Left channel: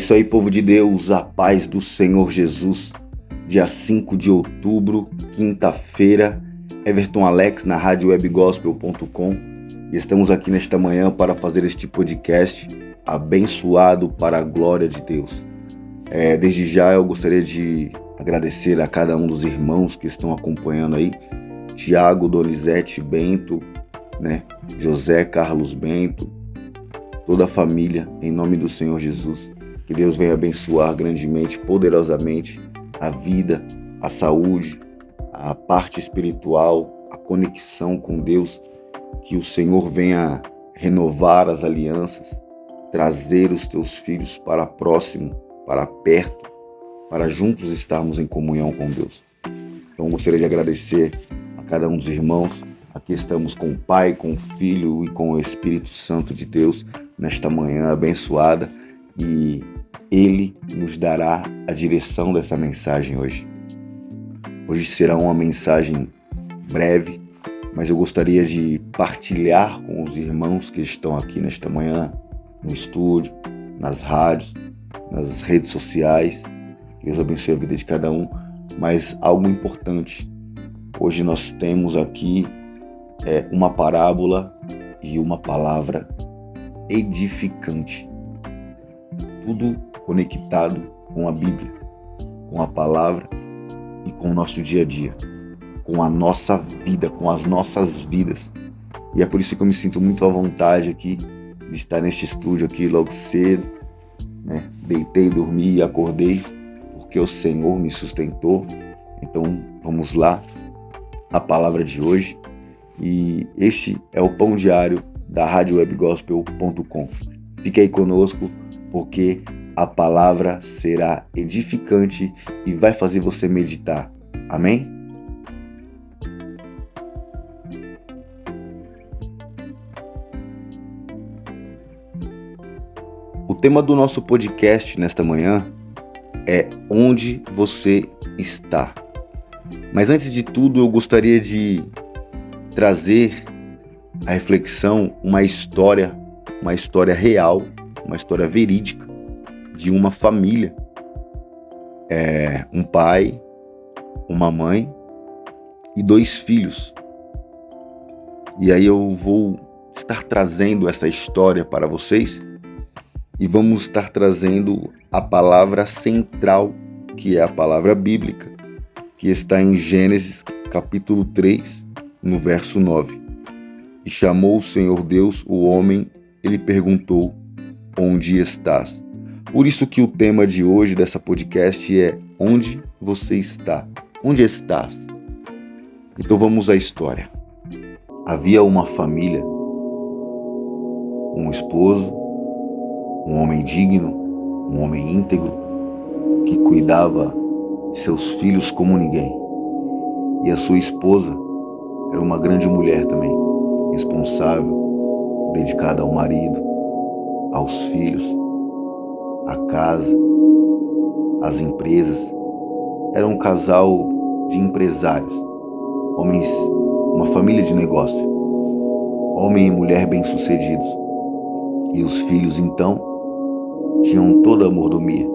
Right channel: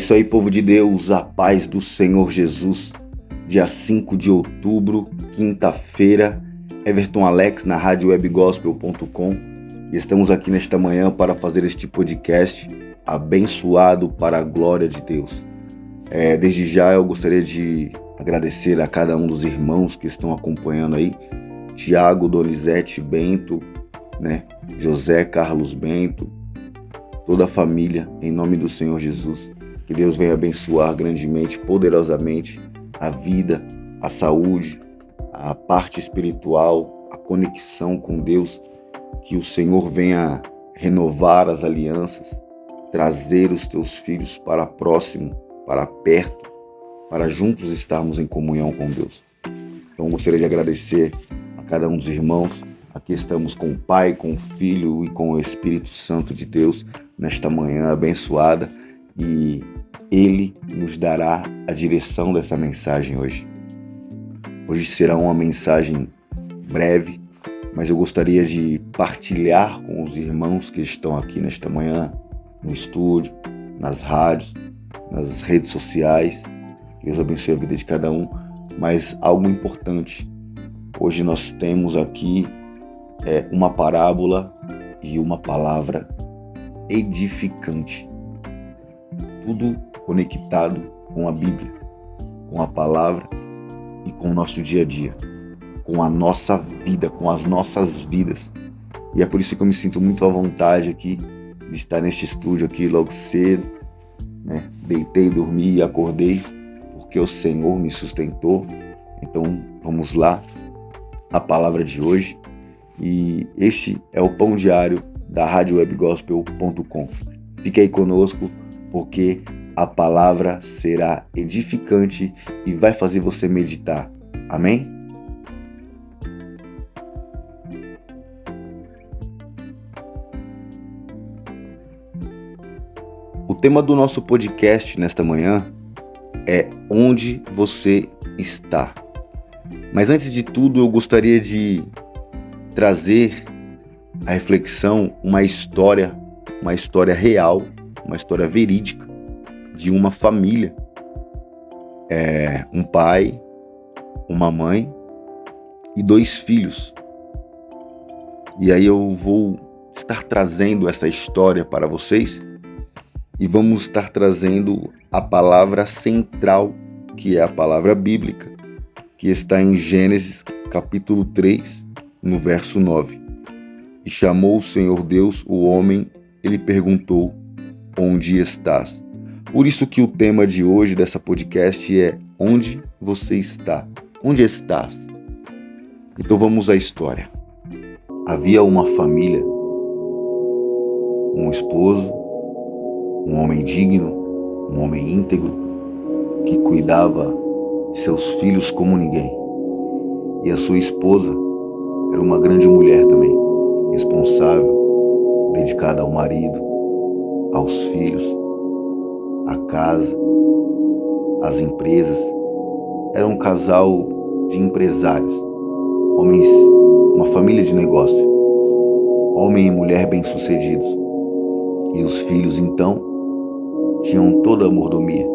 isso aí, povo de Deus, a paz do Senhor Jesus. Dia 5 de outubro, quinta-feira, Everton Alex na radiowebgospel.com, e estamos aqui nesta manhã para fazer este podcast abençoado para a glória de Deus. Desde já eu gostaria de agradecer a cada um dos irmãos que estão acompanhando aí, Tiago, Donizete, Bento, José Carlos Bento, toda a família, em nome do Senhor Jesus. Que Deus venha abençoar grandemente, poderosamente a vida, a saúde, a parte espiritual, a conexão com Deus. Que o Senhor venha renovar as alianças, trazer os teus filhos para próximo, para perto, para juntos estarmos em comunhão com Deus. Então gostaria de agradecer a cada um dos irmãos. Aqui estamos com o Pai, com o Filho e com o Espírito Santo de Deus nesta manhã abençoada, e Ele nos dará a direção dessa mensagem hoje. Hoje será uma mensagem breve, mas eu gostaria de partilhar com os irmãos que estão aqui nesta manhã, no estúdio, nas rádios, nas redes sociais. Deus abençoe a vida de cada um, mas algo importante. Hoje nós temos aqui uma parábola e uma palavra edificante. Tudo conectado com a Bíblia, com a palavra e com o nosso dia a dia, com a nossa vida, com as nossas vidas. E é por isso que eu me sinto muito à vontade aqui de estar neste estúdio aqui logo cedo, Deitei, dormi e acordei porque o Senhor me sustentou. Então vamos lá, a palavra de hoje. E esse é o pão diário da radiowebgospel.com. Fique aí conosco, porque a palavra será edificante e vai fazer você meditar. Amém? O tema do nosso podcast nesta manhã é onde você está. Mas antes de tudo, eu gostaria de trazer a reflexão uma história real, uma história verídica de uma família. Um pai, uma mãe e 2 filhos. E aí eu vou estar trazendo essa história para vocês e vamos estar trazendo a palavra central, que é a palavra bíblica, que está em Gênesis capítulo 3, no verso 9. E chamou o Senhor Deus o homem, ele perguntou: onde estás? Por isso que o tema de hoje dessa podcast é onde você está? Onde estás? Então vamos à história. Havia uma família, um esposo, um homem digno, um homem íntegro, que cuidava de seus filhos como ninguém. E a sua esposa era uma grande mulher também, responsável, dedicada ao marido, aos filhos, à casa, às empresas. Era um casal de empresários, homens, uma família de negócio, homem e mulher bem-sucedidos. E os filhos, então, tinham toda a mordomia,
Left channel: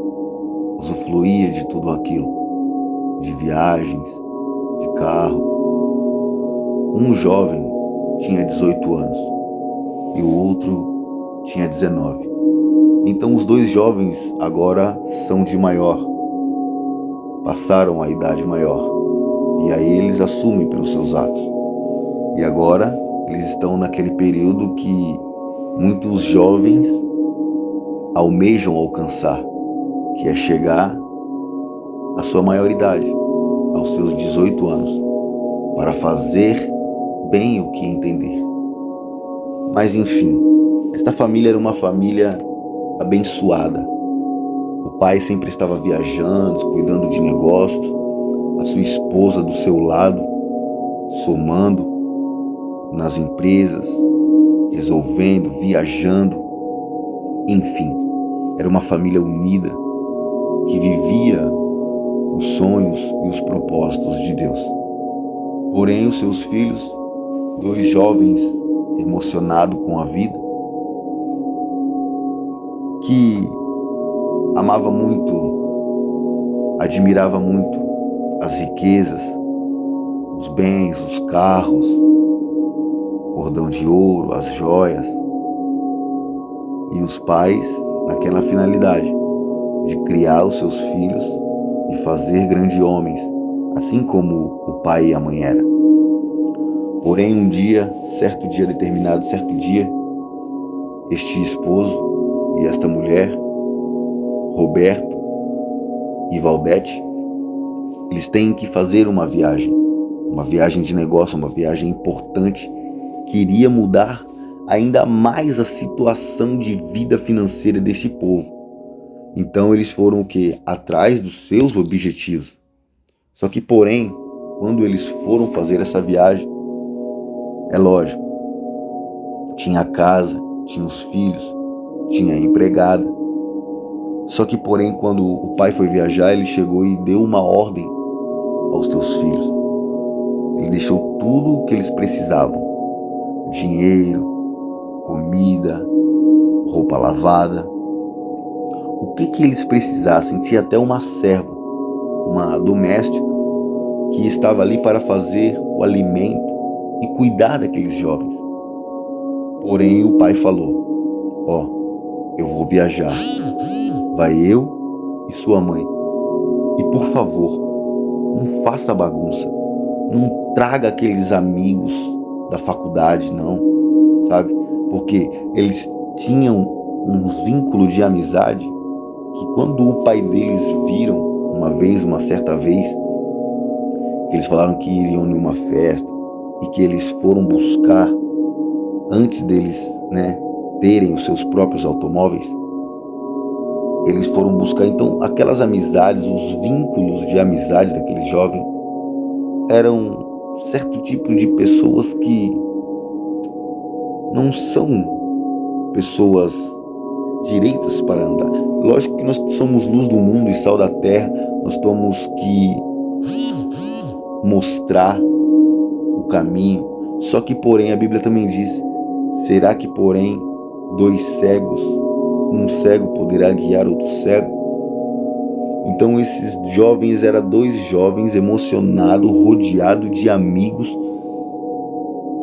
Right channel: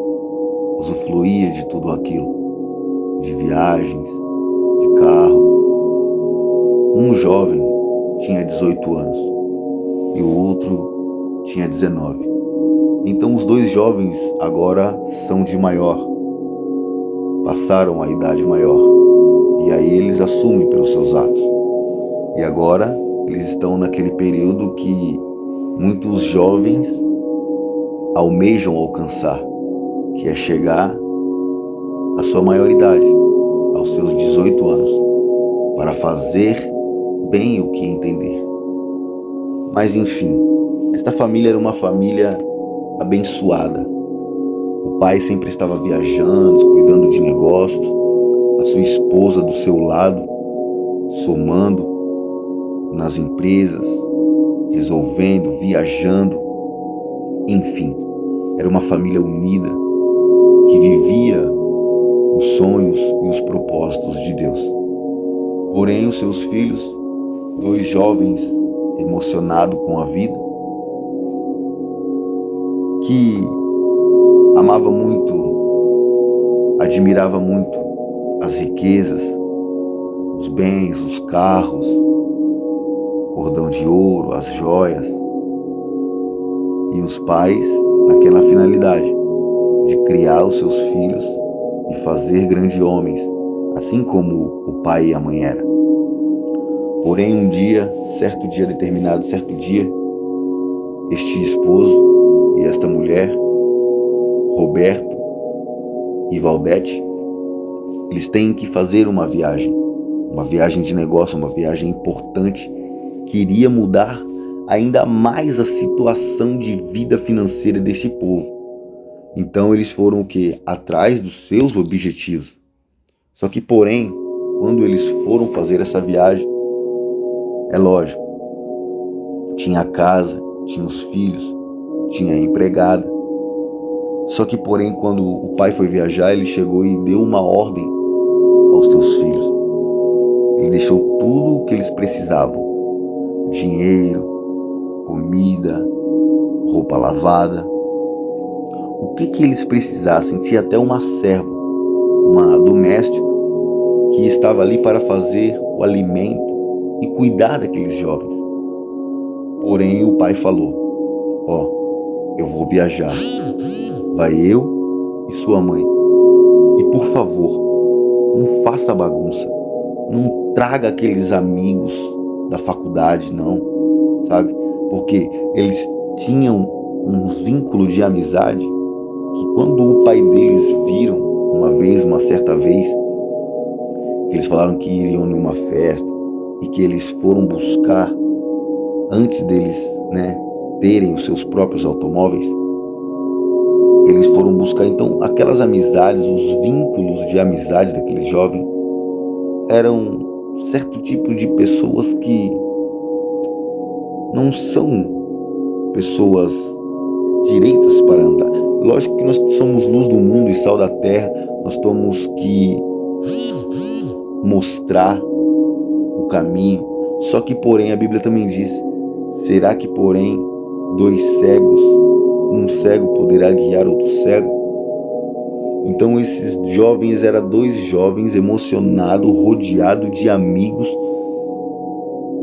usufruía de tudo aquilo, de viagens, de carro. Um jovem tinha 18 anos e o outro tinha 19. Então os 2 jovens agora são de maior, passaram a idade maior, e aí eles assumem pelos seus atos. E agora eles estão naquele período que muitos jovens almejam alcançar, que é chegar à sua maioridade, aos seus 18 anos, para fazer bem o que entender. Mas enfim, esta família era uma família abençoada. O pai sempre estava viajando, cuidando de negócios, a sua esposa do seu lado, somando nas empresas, resolvendo, viajando. Enfim, era uma família unida que vivia os sonhos e os propósitos de Deus. Porém, os seus filhos, 2 jovens emocionados com a vida, que amava muito, admirava muito as riquezas, os bens, os carros, cordão de ouro, as joias. E os pais, naquela finalidade de criar os seus filhos e fazer grandes homens, assim como o pai e a mãe eram. Porém, certo dia, este esposo e esta mulher, Roberto e Valdete, eles têm que fazer uma viagem de negócio, uma viagem importante que iria mudar ainda mais a situação de vida financeira deste povo. Então eles foram o quê? Atrás dos seus objetivos. Só que, porém, quando eles foram fazer essa viagem, é lógico, tinha a casa, tinha os filhos, tinha a empregada. Só que, porém, quando o pai foi viajar, ele chegou e deu uma ordem aos teus filhos. Ele deixou tudo o que eles precisavam: dinheiro, comida, roupa lavada. O que eles precisassem. Tinha até uma serva, uma doméstica, que estava ali para fazer o alimento e cuidar daqueles jovens. Porém, o pai falou: eu vou viajar. Vai eu e sua mãe. E por favor, não faça bagunça. Não traga aqueles amigos da faculdade, não, sabe? Porque eles tinham um vínculo de amizade que, quando o pai deles viram uma certa vez, que eles falaram que iriam numa festa e que eles foram buscar, antes deles, terem os seus próprios automóveis, eles foram buscar. Então, aquelas amizades, os vínculos de amizade daqueles jovens eram certo tipo de pessoas que não são pessoas direitas para andar. Lógico que nós somos luz do mundo e sal da terra, nós temos que mostrar o caminho. Só que, porém, a Bíblia também diz: será que, porém, um cego poderá guiar outro cego? Então esses jovens eram 2 jovens emocionados, rodeados de amigos,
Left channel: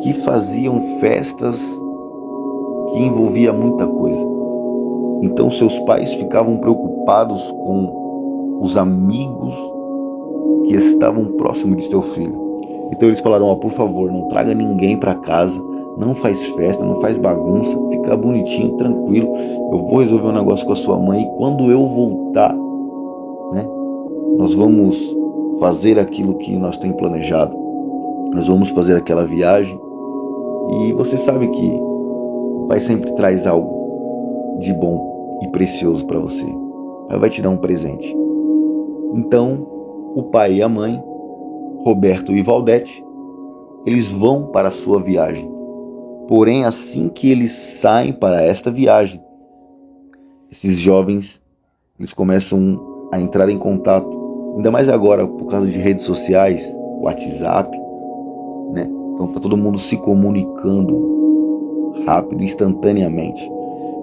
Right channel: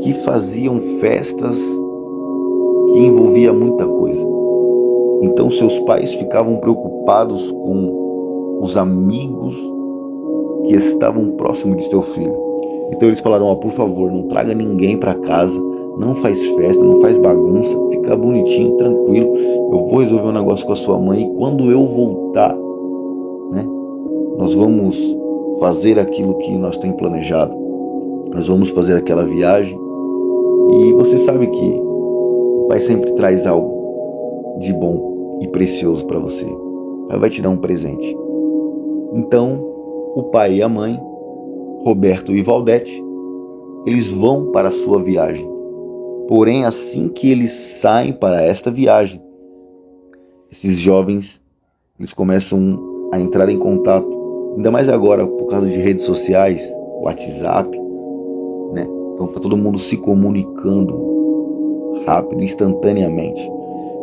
que faziam festas que envolvia muita coisa. Então seus pais ficavam preocupados com os amigos que estavam próximos de seu filho. Então eles falaram: por favor, não traga ninguém para casa, não faz festa, não faz bagunça, fica bonitinho, tranquilo. Eu vou resolver um negócio com a sua mãe e quando eu voltar, nós vamos fazer aquilo que nós temos planejado. Nós vamos fazer aquela viagem. E você sabe que o pai sempre traz algo de bom e precioso para você. O pai vai te dar um presente. Então, o pai e a mãe, Roberto e Valdete, eles vão para a sua viagem. Porém, assim que eles saem para esta viagem, esses jovens, eles começam a entrar em contato, ainda mais agora por causa de redes sociais, WhatsApp, Então está todo mundo se comunicando rápido, instantaneamente.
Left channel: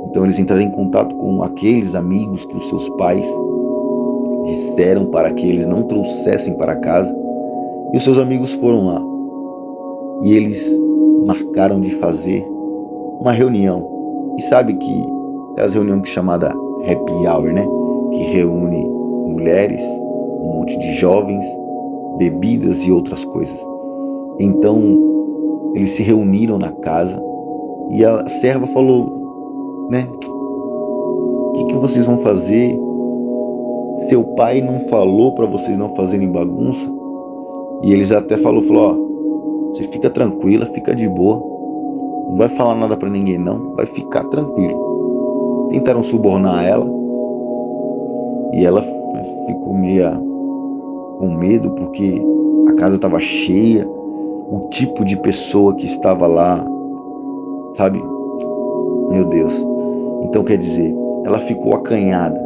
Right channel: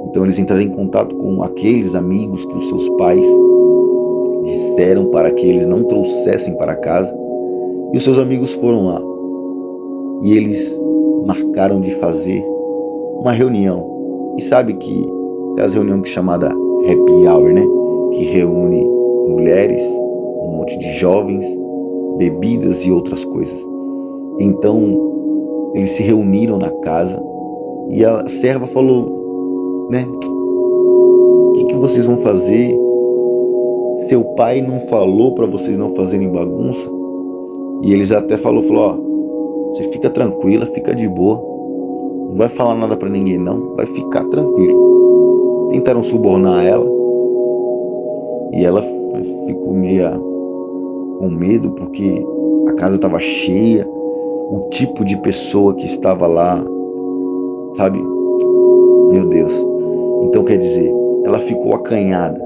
Então eles entraram em contato com aqueles amigos que os seus pais disseram para que eles não trouxessem para casa. E os seus amigos foram lá. E eles marcaram de fazer uma reunião. E sabe que aquelas reuniões chamada happy hour, que reúne mulheres, um monte de jovens, bebidas e outras coisas. Então eles se reuniram na casa e a serva falou: o que vocês vão fazer? Seu pai não falou para vocês não fazerem bagunça? E eles até falou: você fica tranquila, fica de boa, não vai falar nada para ninguém não, vai ficar tranquilo. Tentaram subornar ela e ela ficou meio com medo porque a casa estava cheia, o tipo de pessoa que estava lá, sabe? Meu Deus. Então quer dizer, ela ficou acanhada,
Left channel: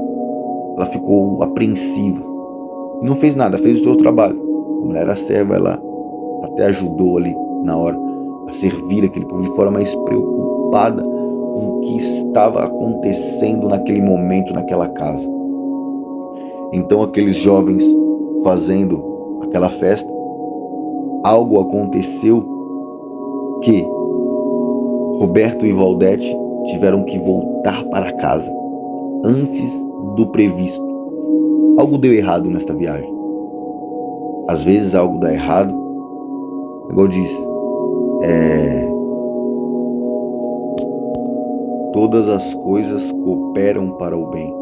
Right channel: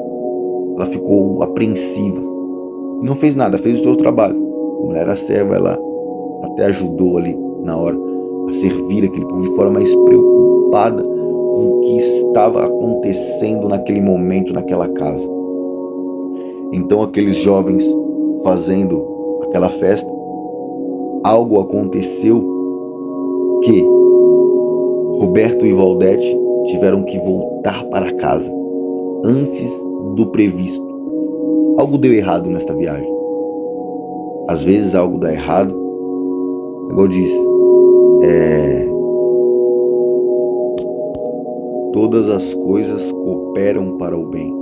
ela ficou apreensiva. E não fez nada, fez o seu trabalho. Como ela era serva, ela até ajudou ali na hora a servir aquele povo de forma mais preocupada com o que estava acontecendo naquele momento, naquela casa. Então aqueles jovens fazendo aquela festa, algo aconteceu que Roberto e Valdete tiveram que voltar para casa antes do previsto. Algo deu errado nesta viagem. Às vezes algo dá errado, igual diz, todas as coisas cooperam para o bem.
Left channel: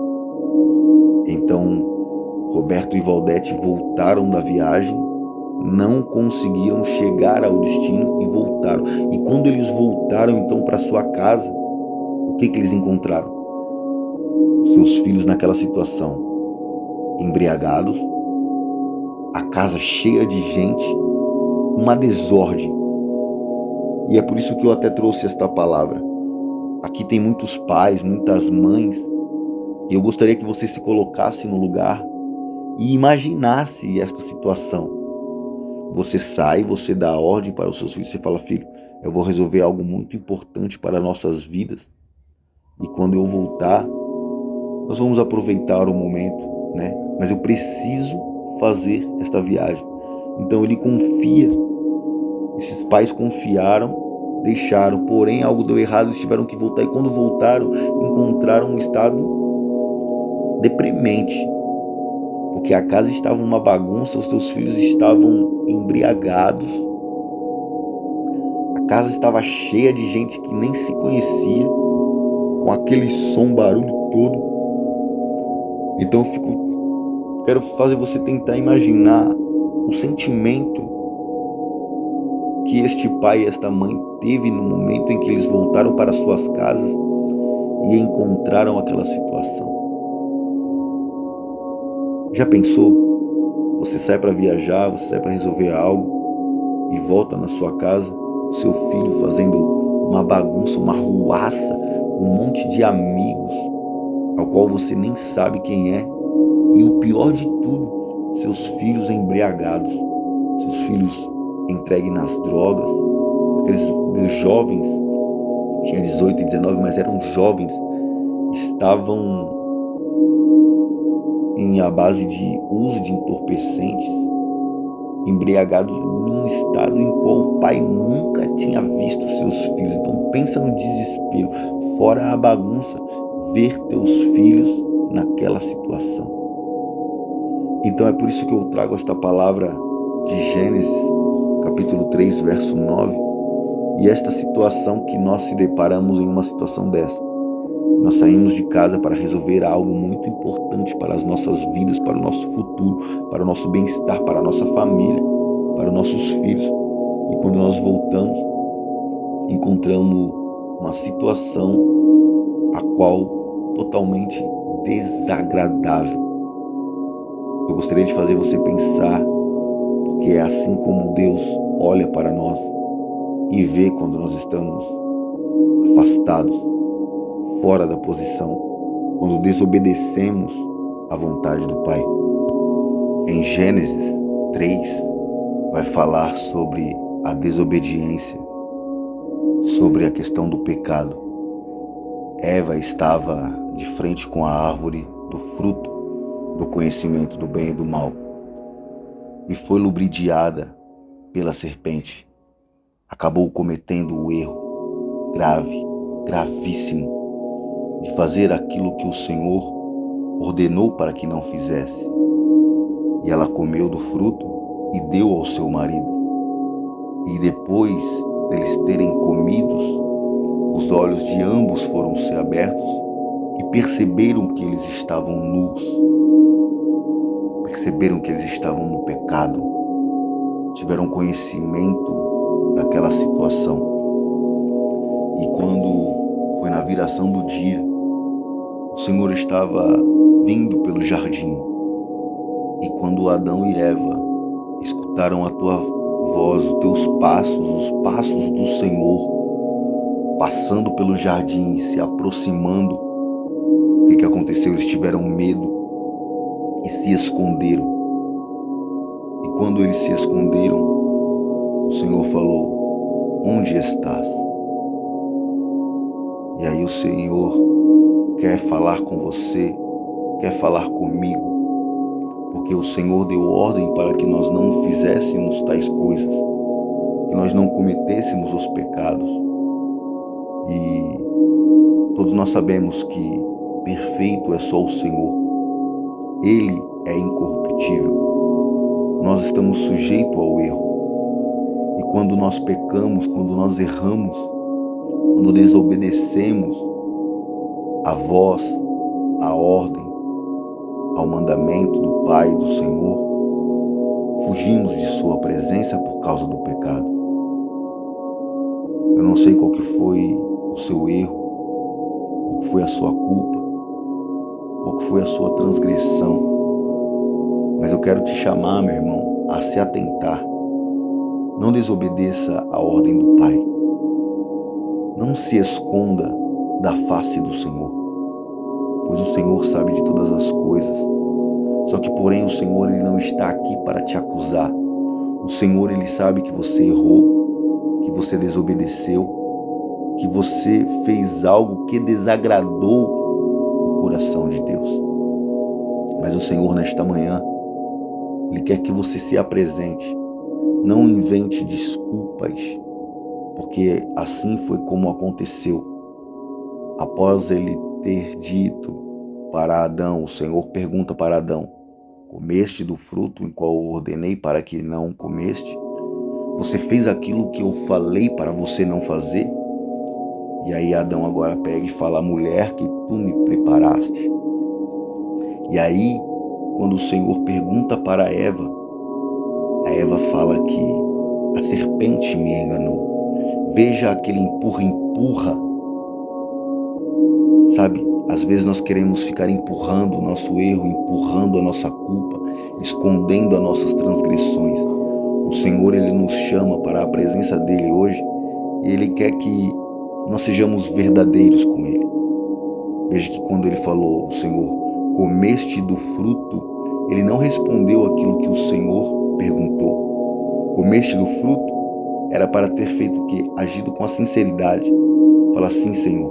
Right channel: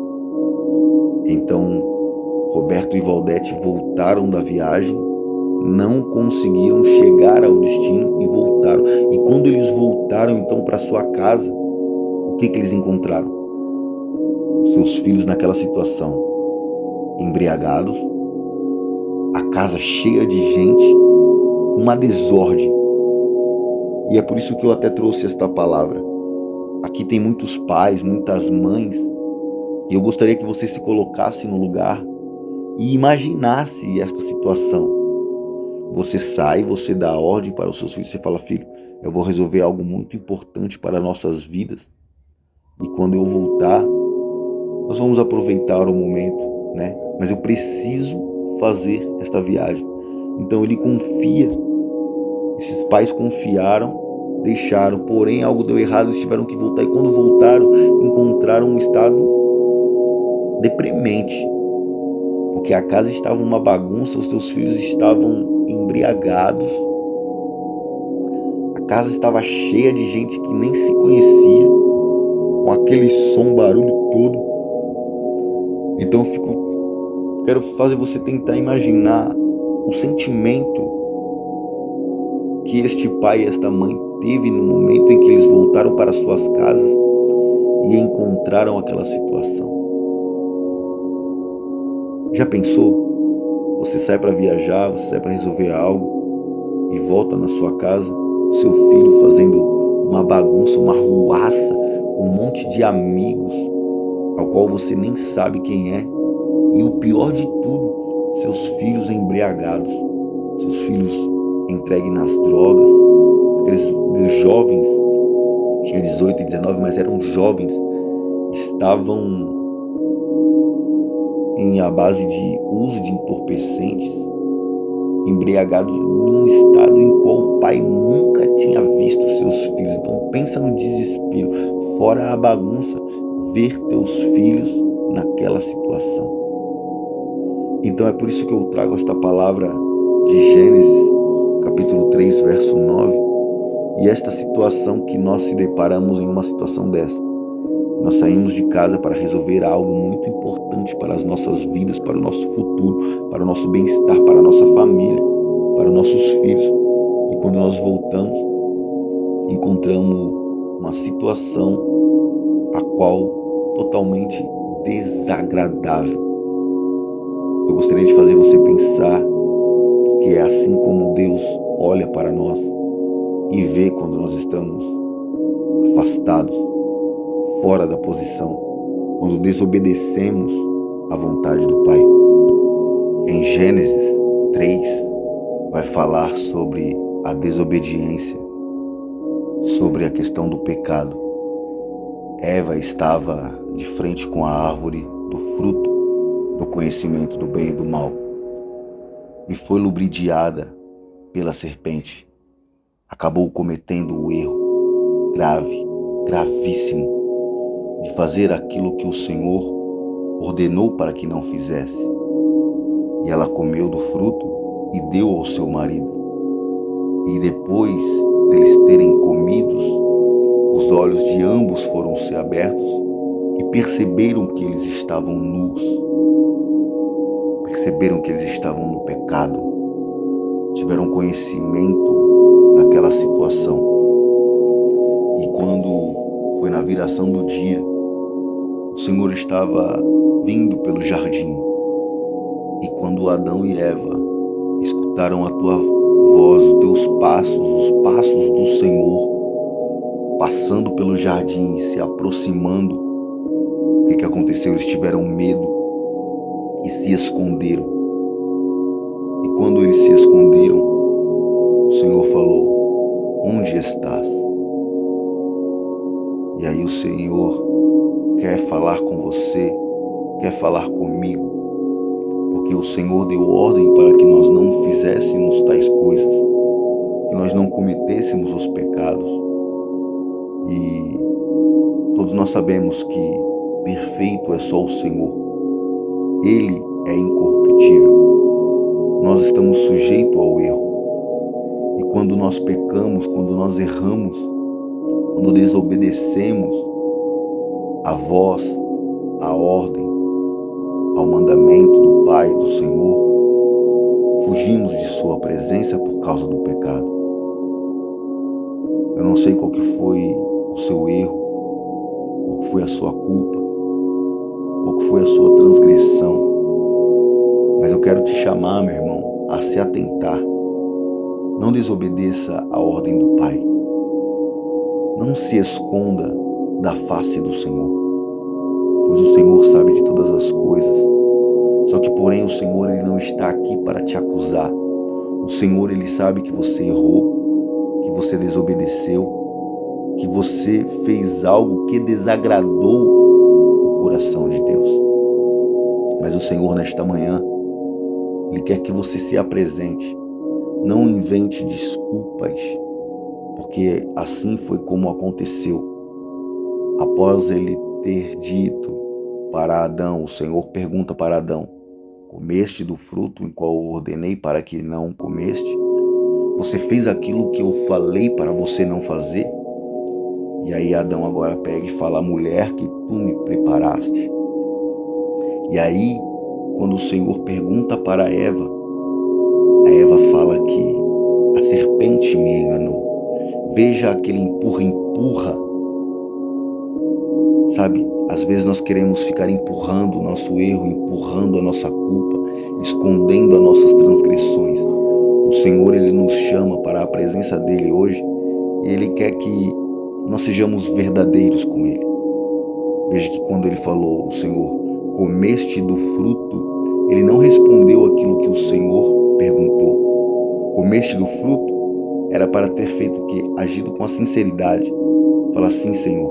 Então, Roberto e Valdete voltaram da viagem, não conseguiram chegar ao destino e voltaram. E quando eles voltaram então para sua casa, o que eles encontraram? Os seus filhos naquela situação, embriagados, a casa cheia de gente, uma desordem. E é por isso que eu até trouxe esta palavra. Aqui tem muitos pais, muitas mães, e eu gostaria que você se colocasse no lugar e imaginasse esta situação. Você sai, você dá ordem para os seus filhos, você fala: filho, eu vou resolver algo muito importante para nossas vidas, e quando eu voltar, nós vamos aproveitar o momento, né? Mas eu preciso fazer esta viagem. Então ele confia, esses pais confiaram, deixaram, porém algo deu errado, eles tiveram que voltar, e quando voltaram, encontraram um estado deprimente, porque a casa estava uma bagunça, os seus filhos estavam embriagados, a casa estava cheia de gente que nem se conhecia, com aquele som, barulho todo. Então quero fazer você tentar imaginar o sentimento que este pai e esta mãe teve no momento em que eles voltaram para suas casas e encontraram aquela situação. Já pensou? Você sai para viajar, você sai para resolver algo e volta na sua casa, seu filho fazendo uma bagunça, uma ruaça, um monte de amigos ao qual você nem sabe quem é, e o pior de tudo, seus filhos embriagados, seus filhos entregues nas drogas, aqueles jovens, tinha 18 e 19, mas eram jovens, estavam à base de uso de entorpecentes, embriagados num estado em qual o pai nunca tinha visto seus filhos. Então pensa no desespero, fora a bagunça, ver teus filhos naquela situação. Então é por isso que eu trago esta palavra de Gênesis, capítulo 3, verso 9, e esta situação que nós se deparamos em uma situação dessa. Nós saímos de casa para resolver algo muito importante para as nossas vidas, para o nosso futuro, para o nosso bem-estar, para a nossa família, para os nossos filhos. E quando nós voltamos, encontramos uma situação a qual totalmente desagradável. Eu gostaria de fazer você pensar, porque é assim como Deus olha para nós e vê quando nós estamos afastados, fora da posição, quando desobedecemos à vontade do Pai. Em Gênesis 3, vai falar sobre a desobediência, sobre a questão do pecado. Eva estava de frente com a árvore do fruto do conhecimento do bem e do mal e foi ludibriada pela serpente. Acabou cometendo o erro grave, gravíssimo, de fazer aquilo que o Senhor ordenou para que não fizesse. E ela comeu do fruto e deu ao seu marido. E depois deles terem comidos, os olhos de ambos foram ser abertos e perceberam que eles estavam nus. Perceberam que eles estavam no pecado. Tiveram conhecimento daquela situação. E quando foi na viração do dia, o Senhor estava vindo pelo jardim. E quando Adão e Eva escutaram a tua voz, os teus passos, os passos do Senhor, passando pelo jardim, se aproximando, o que aconteceu? Eles tiveram medo e se esconderam. E quando eles se esconderam, o Senhor falou: onde estás? E aí o Senhor quer falar com você, quer falar comigo, porque o Senhor deu ordem para que nós não fizéssemos tais coisas, que nós não cometêssemos os pecados. E todos nós sabemos que perfeito é só o Senhor. Ele é incorruptível. Nós estamos sujeitos ao erro. E quando nós pecamos, quando nós erramos, quando desobedecemos a voz, a ordem, ao mandamento do Pai, do Senhor, fugimos de sua presença por causa do pecado. Eu não sei qual que foi o seu erro, qual que foi a sua culpa, qual que foi a sua transgressão, mas eu quero te chamar, meu irmão, a se atentar. Não desobedeça a ordem do Pai. Não se esconda da face do Senhor, pois o Senhor sabe de todas as coisas. Só que, porém, o Senhor ele não está aqui para te acusar. O Senhor ele sabe que você errou, que você desobedeceu, que você fez algo que desagradou o coração de Deus. Mas o Senhor, nesta manhã, Ele quer que você se apresente. Não invente desculpas, porque assim foi como aconteceu. Após ele ter dito para Adão, o Senhor pergunta para Adão: comeste do fruto em qual eu ordenei para que não comeste? Você fez aquilo que eu falei para você não fazer? E aí Adão agora pega e fala: a mulher que tu me preparaste. E aí, quando o Senhor pergunta para Eva, a Eva fala que a serpente me enganou. Veja aquele empurra. Sabe, às vezes nós queremos ficar empurrando o nosso erro, empurrando a nossa culpa, escondendo as nossas transgressões. O Senhor, Ele nos chama para a presença dEle hoje e Ele quer que nós sejamos verdadeiros com Ele. Veja que quando Ele falou, o Senhor, comeste do fruto, Ele não respondeu aquilo que o Senhor perguntou. Comeste do fruto era para ter feito o quê? Agido com a sinceridade. Fala assim: Senhor,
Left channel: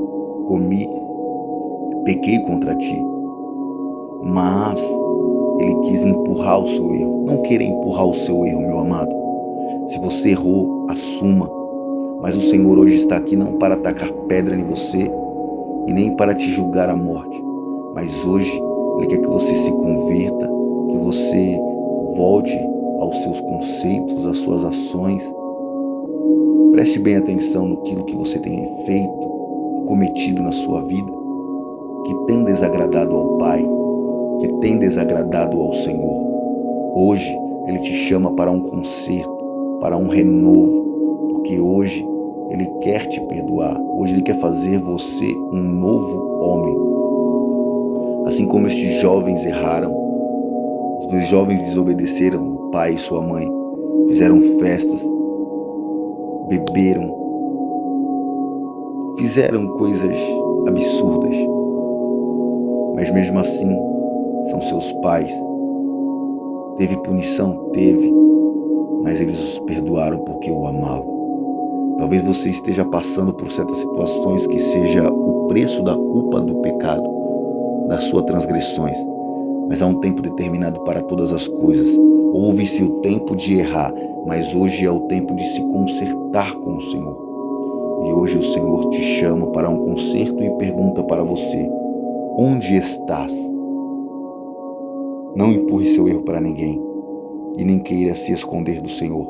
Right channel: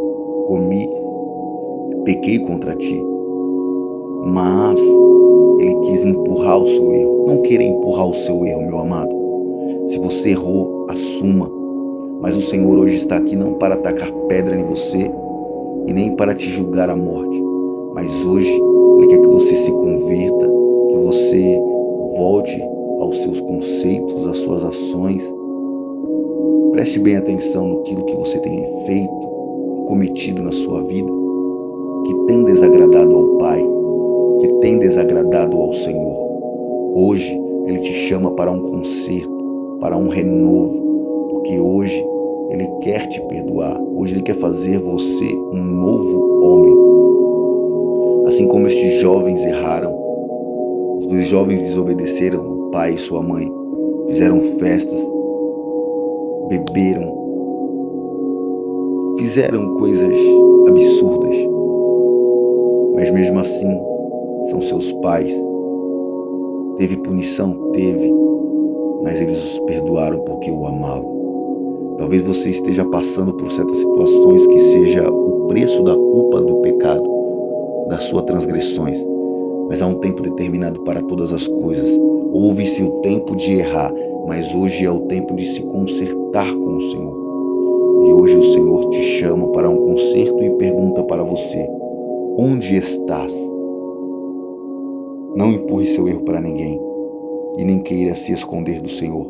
comi, pequei contra ti. Mas ele quis empurrar o seu erro. Não queira empurrar o seu erro, meu amado. Se você errou, assuma. Mas o Senhor hoje está aqui não para atacar pedra em você e nem para te julgar à morte. Mas hoje Ele quer que você se converta, que você volte aos seus conceitos, às suas ações. Preste bem atenção naquilo que você tem feito e cometido na sua vida, que tem desagradado ao Pai, que tem desagradado ao Senhor. Hoje Ele te chama para um conserto, para um renovo, porque hoje Ele quer te perdoar. Hoje Ele quer fazer você um novo homem. Assim como estes jovens erraram, os dois jovens desobedeceram o pai e sua mãe, fizeram festas, beberam, fizeram coisas absurdas. Mas mesmo assim, são seus pais. Teve punição? Teve. Mas eles os perdoaram porque o amavam. Talvez você esteja passando por certas situações que seja o preço da culpa do pecado, das suas transgressões. Mas há um tempo determinado para todas as coisas. Houve-se o tempo de errar, mas hoje é o tempo de se consertar com o Senhor. E hoje o Senhor te chama para um conserto e pergunta para você: onde estás? Não empurre seu erro para ninguém e nem queira se esconder do Senhor,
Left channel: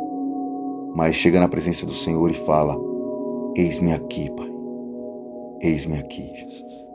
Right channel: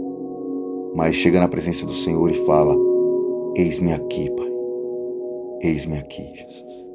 mas chega na presença do Senhor e fala: eis-me aqui, Pai, eis-me aqui, Jesus.